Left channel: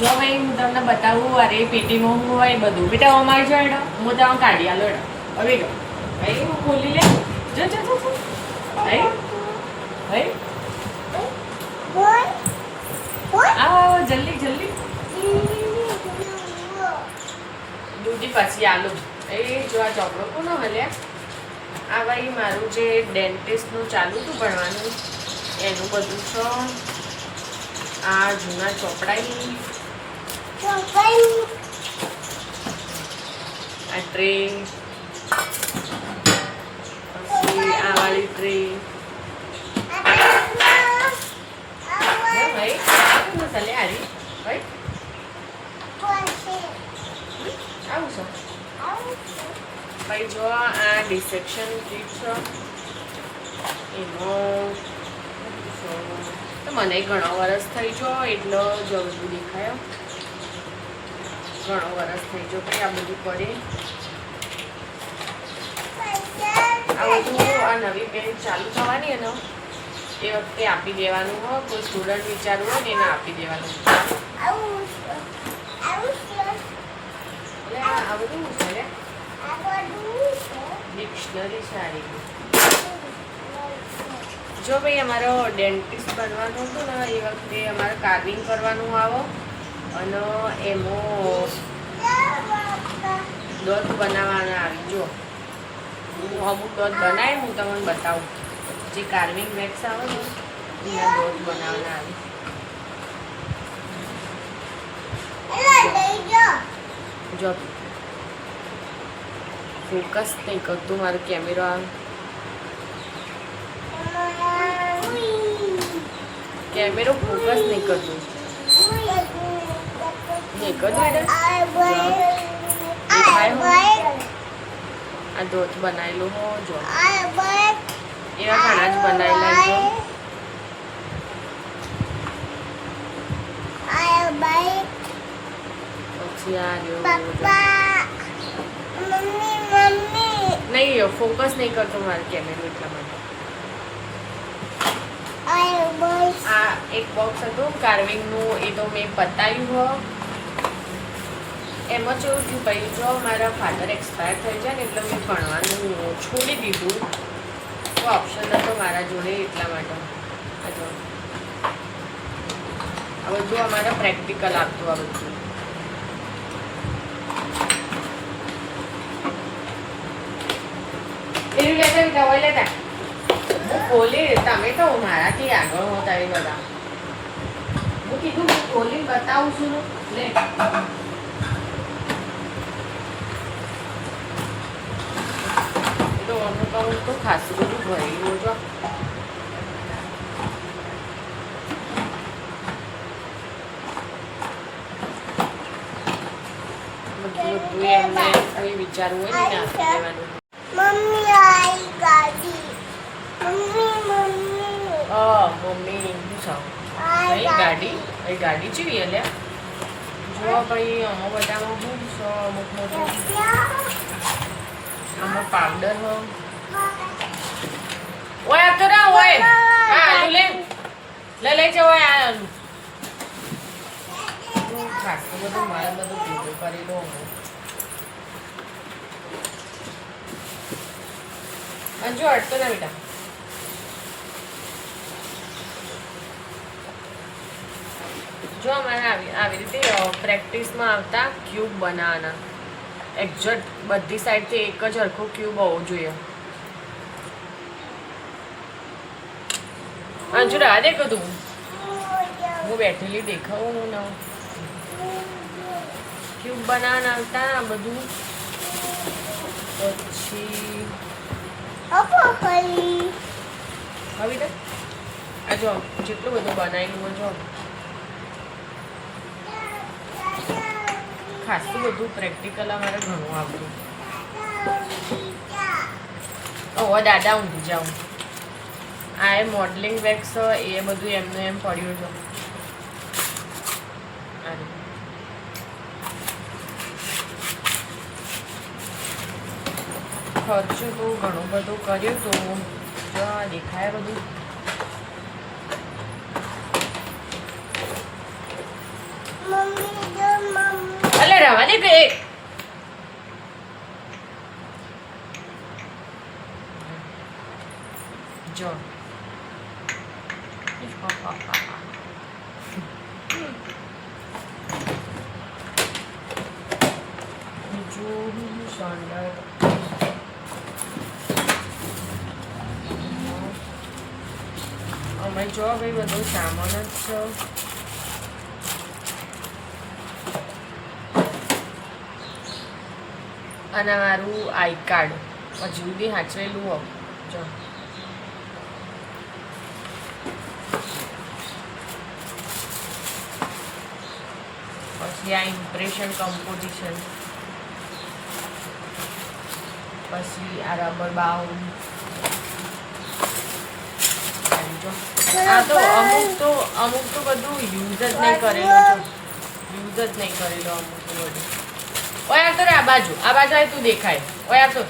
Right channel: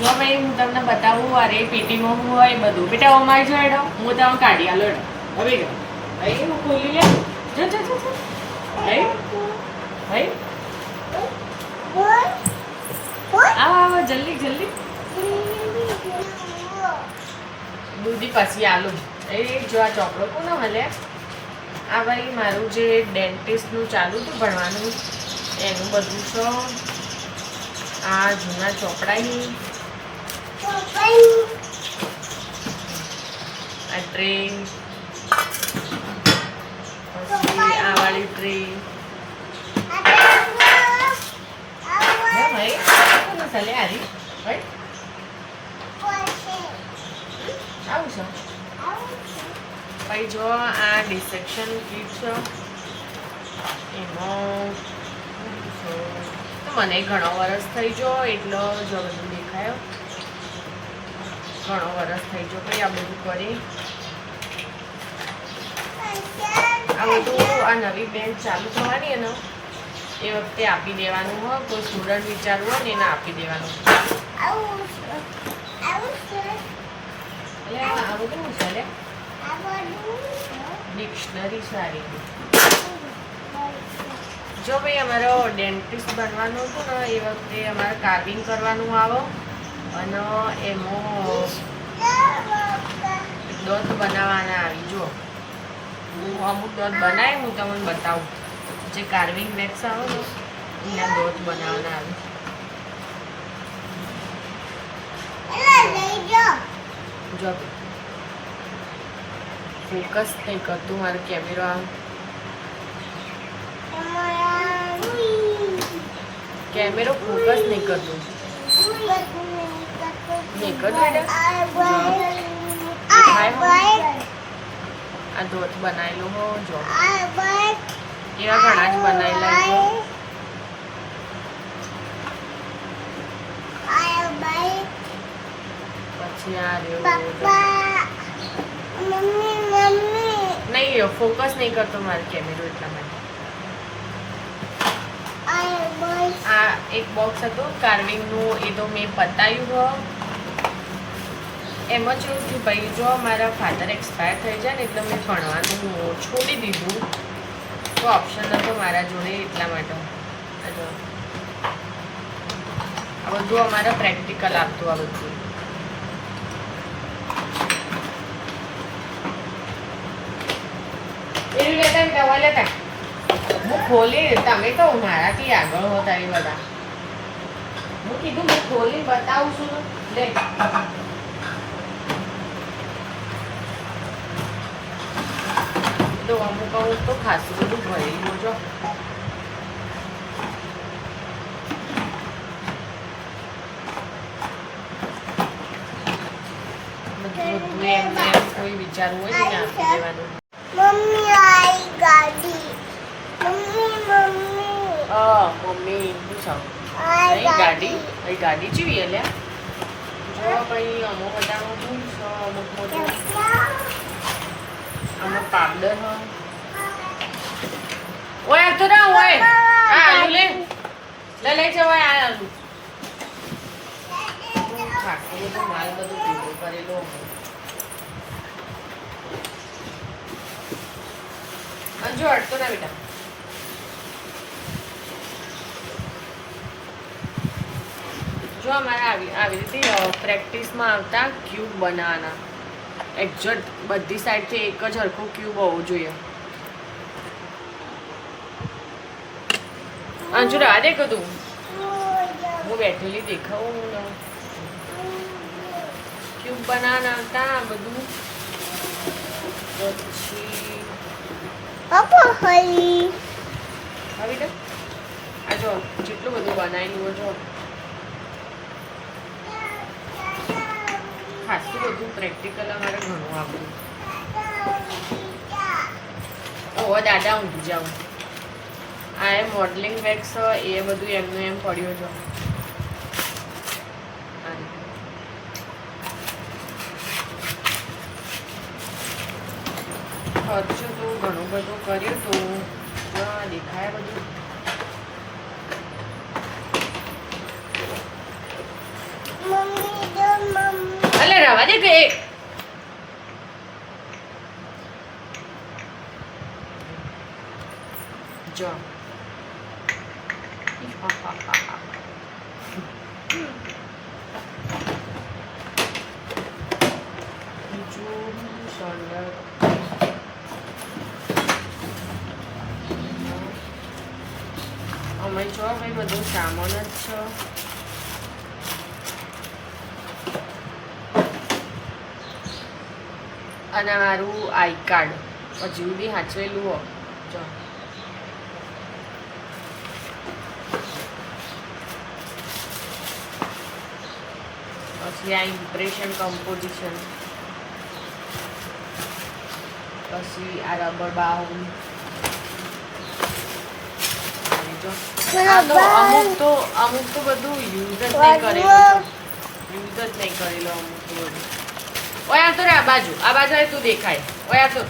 જો ભાઈ હું તમને બતાવું અરે પેટીમાં હું હોય બધું બેટા અમારી જો એડો હું તમને કાઢી આલો એડો હવે ગયો ભાઈ હું ખોલી લે જો જો જો ભાઈ ભાઈ આ જલ્દી જલ્દી દૂધી પછી આલુ એ જો આ ચોપડો કોનો હલે આ ભાઈ મારું જે ડેન્ટિસ્ટનું ચાલુ હતું ભણવાનું એનું બધું છે આ જૂના ચોપડાની આ ટ્રે પછી આ વાળી ટ્રે ભાઈ ચાલે આરી ભાઈ આવું છે ભાઈ જો આ ડિસેક્શન કીટ છે એનો તો મને ઘણો વરસ થઈ ગયો એટલો જલ્દી દેખાયો ઘણો વરસ થઈ ગયો ભાઈ આ બધું કરી આ બધું આ નવી બેન્ચ ચાલુ થવાની એનો એ વખતે આપી દેવાનું હોય કોઈ સ્ટુડન્ટ વિચારવું હોય ને એને આપી દેવાનું એટલે આ બધું છે લે ડિક્શનરી સારી જો ભાઈ અમારો ડેન્ટિસ્ટ બનવાનું હતું ને એ વખતે અમારે કાર્વિંગ કરવાનું આવે અને એમાં દોત બનાવવાના આવી જો હું અમુક દોત બનાવી હું તમને બતાવું જે કાર્વિંગ વેક્સ આવે ને એના દોત બનાવવાના આવી જો ફોકસ નહીં કરતું મારો કેમેરો કેમેરો ફોકસ નહીં કરતું નહીં કરતું આ દોત બનાવેલું હો જો એવા ઘણા જ બનાવેલા છો પછી આ નહીં ફોકસ નહીં કરતો મારો કેમેરો એટલા માટે આ એક બોક્સ હતું કાર્વિંગનું એ તો મેં પતાવ્યું હો એમાં જેવું થયું ભાઈ જો મારા ફાધર એક્સપાયર થઈ જાય ને એટલે મેં ભણવાનું છોડી દીધું તો ઓપ્શન હતો મારા જોડે એટલા માટે આ બધું અમારા પ્રેક્ટિકલ આપતું આ બધું એવી લેતા દવા લેતા હું ખોલી તમે કહું મારાથી આગળ હોતા એ બધા હું કીધું હું ખોલી બતાવું છું લે તો અમુક અમુક તો ખાસું બધું ભરેલું જો બધું એમને કોઈ વિચારવું હોય ને આપી દેવાનું મમ્મી શું ગાડી એ ગાડી જેવી અલ્યા જો ભાઈ અમુક બધામાં શું છો અમુક મોટું આમાં પાવડર હ ઓય આવતો ના ઓય આ આલુ લે લઈ જવાય આ આલુ ખાટું બધું માલ બધું ભેગું કરી લો અંજુ અટતો ના બેટા જો અમારે આવી રીતે પ્રેક્ટિસમાં આવતા ક્યુબ બનાવવાના એક્ઝેક્ટ બધી સાઈડથી એક જ હરખો ક્યુબ હોવું જોઈએ અંજુ રાહ દે કદું હું બેઠેલી દેખાવું હું ને ક્યુબ બનાવવાના આવતા બધું પછી હવે ને આ જો જેટલું બધું બનાવેલું જો ખાસું બધું પ્રેક્ટિકલ અમારે ઘણું આવ્યું ઓ દાદા ઊંઘી જાઉં આ એ મોડલિંગ વેક્સ એ બધું એમને એમ પડ્યું છે ખર્ચો તો ઘણું બધું કર્યું તો દેખાય બધું મમ્મી રવા દે કે જો બીજું સોંડર અમે જો ભાઈ બધું સામાન જ છે. અને મારું આઈ કાર્ડ હજી સુધી સાચવેલું હો જો. પછી આ ઇમ્પ્રેશન કમ્પોઝિશન, પછી આ રબર બાઉલ. આ તો અમુક તો બધું યુઝ જ નહીં કરેલું, યુઝ જ નહીં કરેલો અમુક તો બધું. ઓય આ તો રે આ બાજુ આવી તું દેખાય. ઓય આ તો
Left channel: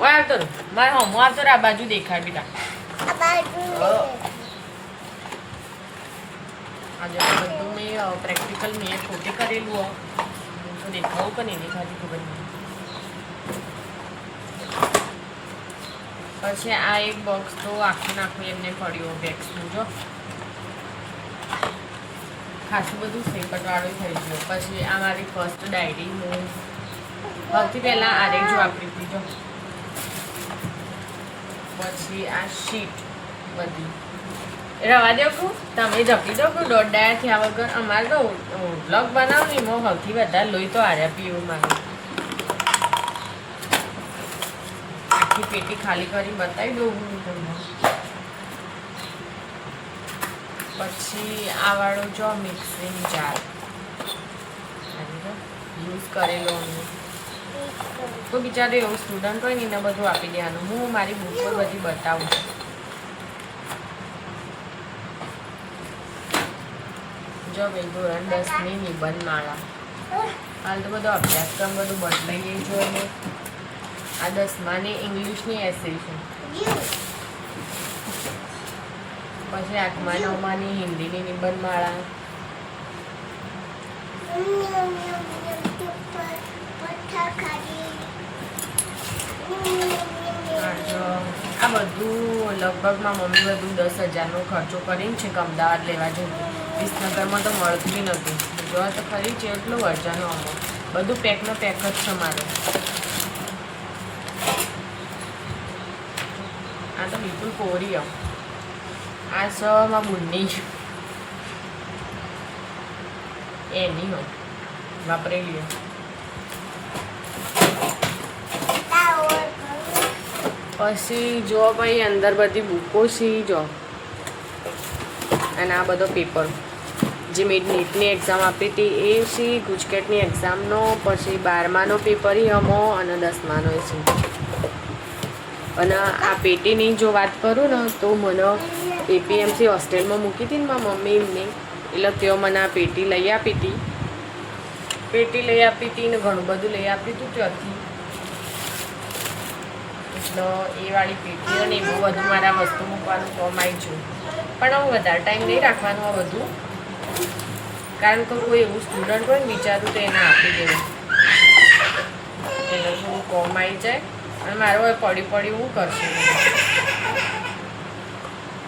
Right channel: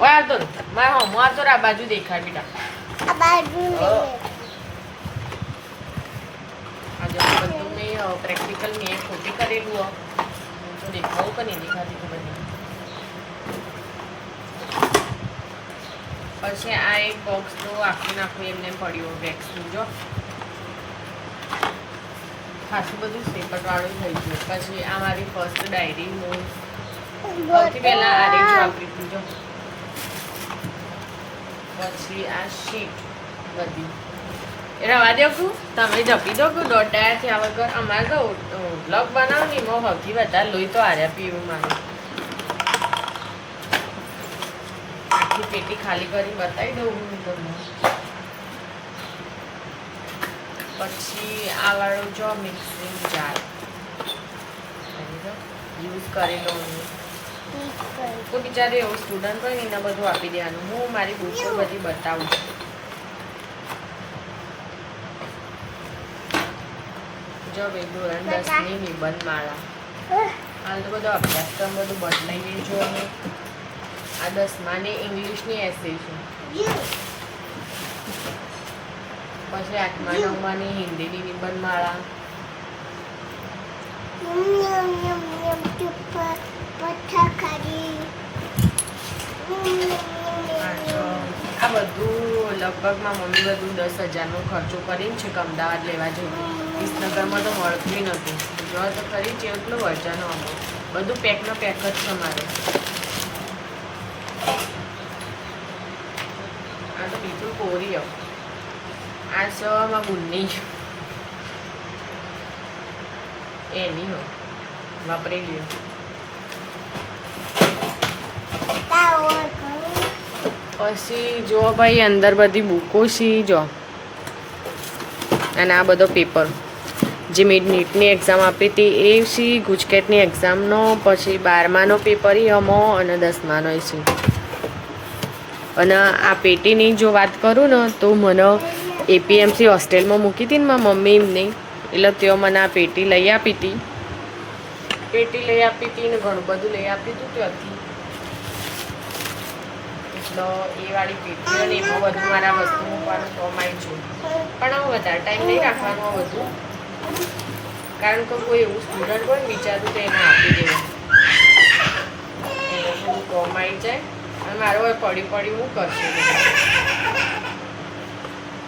ઓય આ તો મારે હમ આ તો રે આ બાજુ દેખાય બેટા. આજે બધું મેં પ્રેક્ટિકલ મેં ખોટે કરેલું તો દેખાવું કે નહીં દેખાતી ખબર નહીં. પછી આ એક બોક્સ તો આખું એમને પડ્યું વેક્સનું જો ખાસું બધું સેપટવાળું થઈ ગયું. પછી આ મારી ફર્સ્ટ ડાયરીનું સૌથી પહેલાં આ રેજ વાપરી હતી જો. પછી આ શીટ બધી એ રવા દેવું તમે જપી દો કે દોઢ ડાયા થયા વગર. અમારે તો વ્લોગ બનાવું ને એમાં સૌથી વધારે લોહી તો હાર્યા પીવું મારે. આખી પેટી ખાલી કરી બતાવી દઉં હું તમને. પછી આ વાળો જો મિક્સિંગ જાર યુઝ કરેલો તો બિચારે એવું સ્ટુડન્ટ હોય ને એને બધું આપી દેવાનું. હું મારી બુકો બધી બતાવું છું. જો ભાઈ ધોરણ 10ની નિબંધ માળા હાલ તો બધો અભ્યાસક્રમ બધું બદલાઈએ જો. ને આ 10માની ઇંગ્લિશની એસે છે. પછી 8મા 9માની હિન્દીની નિબંધ માળા. આ બધું લગભગમાં મમ્મી બધું 10,000નો ખર્ચો કરીને છે કે અમદાવાદ લેવા જવું. વિસનગરમાં તો મળતું નથી. જો તો ખરી છે એટલું વર્જાનો અમો બધું પેકનો પેક જ છે મારે. આ તો બિલકુલ કોરી આ સમાં બુનની એની હોય વાપરેલી. પછી જો ભાઈ અંદર બધી બુકો છે જો. અને આ બધો પેપર જે મેં નીટની એક્ઝામ આપી હતી એ છે, ગુજકેટની એક્ઝામનો, પછી 12માનો પેપર અમો અને 10માનો છે. અને આ પેટીની જો વાત કરું ને તો મને એપીએમસી હોસ્ટેલમાં મૂકી હતી ને મારી મમ્મી એમને, એટલે તેઓ મને આ પેટી લઈ આપી હતી. ને ઘણું બધું લઈ આપ્યું હતું ત્યાંથી. એટલે એ વાળી પેટી અને એમાં બધું મારા વસ્તુ મૂકવાનું કામ આવી છું. પણ હવે વધારે ટાઈમ નહીં રાખવાનું આ બધું, કારણ કે કોઈ એવું સ્ટુડન્ટ હોય ને વિચારું તો એને આપી દેવું. એટલે થોડું કોમ આવી જાય. અને મારો હવે પડી હું કરશે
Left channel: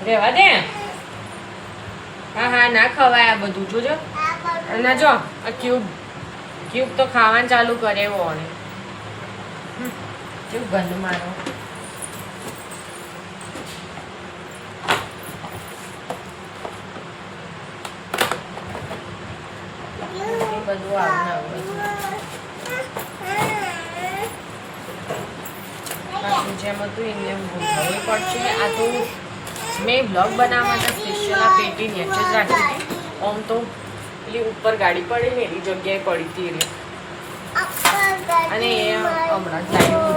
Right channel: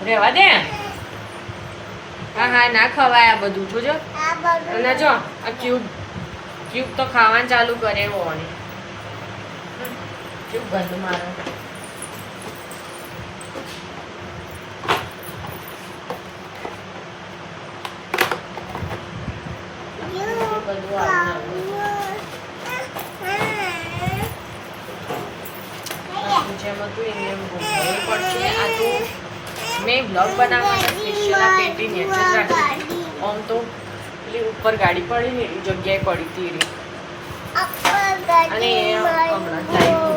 રહેવા દે. હા ના ખવાય આ બધું જોજો. ના જો આ ક્યુબ તો ખાવાનું ચાલુ કરે એવો ને કેવું ગંધ મારો. બધું આવું જેમ હતું એને એમ ગોઠવવું પડશે. આ તો મેં બ્લોગ બનાવવા માટે સ્પેશિયલ આ પેટી નીચે જ રાખી હતી. આમ તો પેલી ઉપર ગાડી પડી ને એવી જગ્યાએ પડી હતી એની. અને એ હમણાં જ લાવી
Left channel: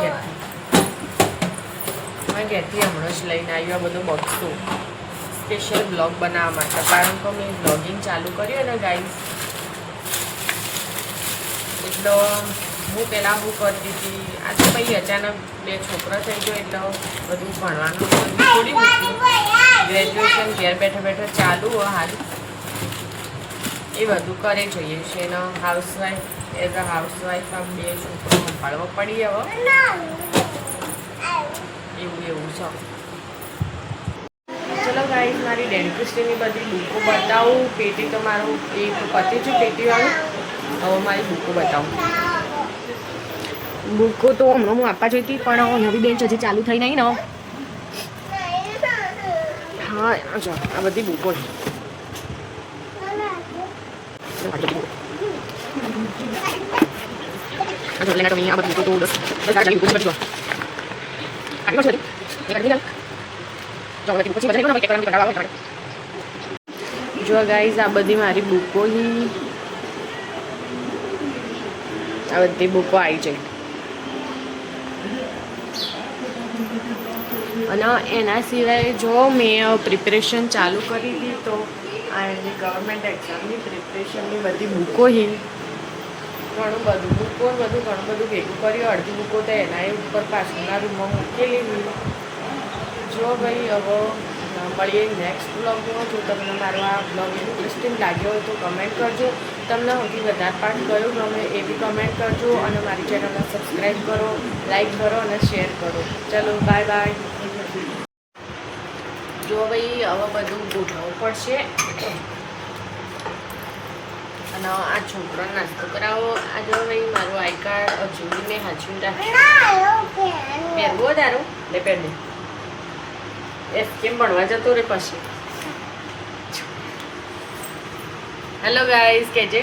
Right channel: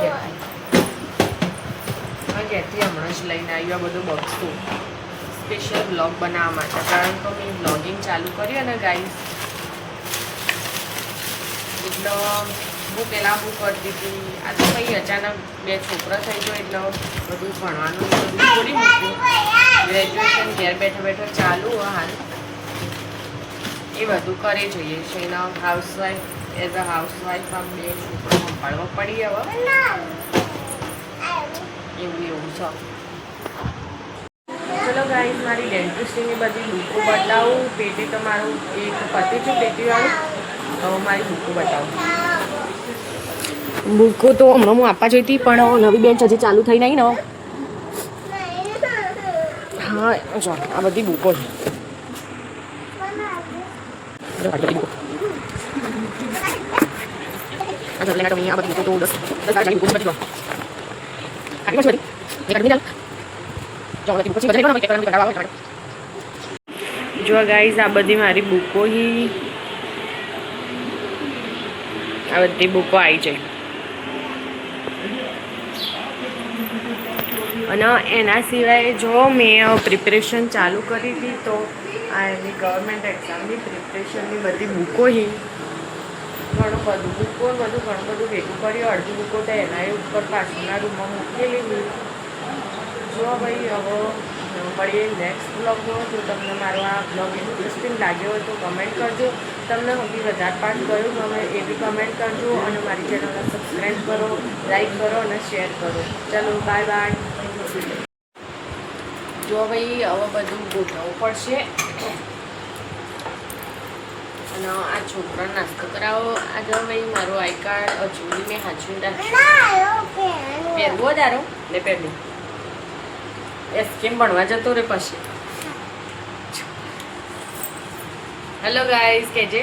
ઘેરથી હમણાં જ લઈને આવ્યું આ બધું બક્સું સ્પેશિયલ બ્લોગ બનાવવા માટે. કારણ કે મેં બ્લોગિંગ ચાલુ કર્યું ને ગાઈઝ, એટલે હું પહેલાં હું કરતી હતી. આ તો કંઈ અચાનક 2 છોકરા થઈ ગયો એટલે બધું ભણવાનું બધું છોડી મૂક્યું. ગ્રેજ્યુએશન ઘેર બેઠા બેઠા ચાલુ હોય હાલ એ બધું કરે જોઈએ છે એનો હાઉસવાઈફ એઝ અ હાઉસવાઈફ આમ બે છોકરો સંભાળવા પડી હવે એવું એવું છે. ચલો ગાઈઝ મારી ડેન્ટિસ્ટની બધી બુકો બતાવું. પેટી તો મારું એક પતી છે પેટીવાળું. હવે મારી બુકો બતાવું. બુકો તો હમણાં હું આપવા જઈ હતી પણ નવી બેન્ચ હજી ચાલુ થઈ નહીં ને. હા જો આ બધી બુકો છે. જો ગાઈઝ આ બધી મારી બુકો હી આ બધી બુકો આવી જાય અને એના સિવાય જો મેં પ્રિપેરેશન ચાલુ કરી હતી તો આ એની ગવર્મેન્ટ એક્ઝામની પ્રિપરેશનની બધી બુકો હી ઘણું બધું બુકો બધું ઘણું બધું ભેગું કર્યું. અડધી બુકો તો એના ઉપર પાછળના રૂમમાં મૂકેલી. જો ભાઈ હવે મળીએ નેક્સ્ટ બ્લોગમાં. જો તમને મારો આ બ્લોગ ઇન્ટરેસ્ટિંગ લાગ્યો હોય તો કમેન્ટ કરજો. તમને સૌથી વધારે પાર્ટ કયો ગમે એ બી કમેન્ટ કરજો અને મારી ચેનલને સબસ્ક્રાઈબ કરો, લાઈક કરો અને શેર કરો. ચલો બાય બાય. જો ભાઈ હવે બધું ગોઠવવું પડશે અને આ છોકરાને નાસ્તો કરાવો. આ જો ભાઈ મારું આઈ કાર્ડ હજુ મેં હાચવી રાખ્યું. પહેરવો તારો લે પહેર દે. એસ કેમ ભણવા જતો રે પછી. હેલો ગાઈઝ કેજે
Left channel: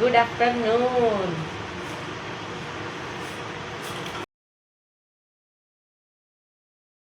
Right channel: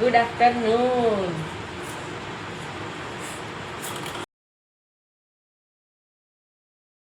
ગુડ આફ્ટરનૂન.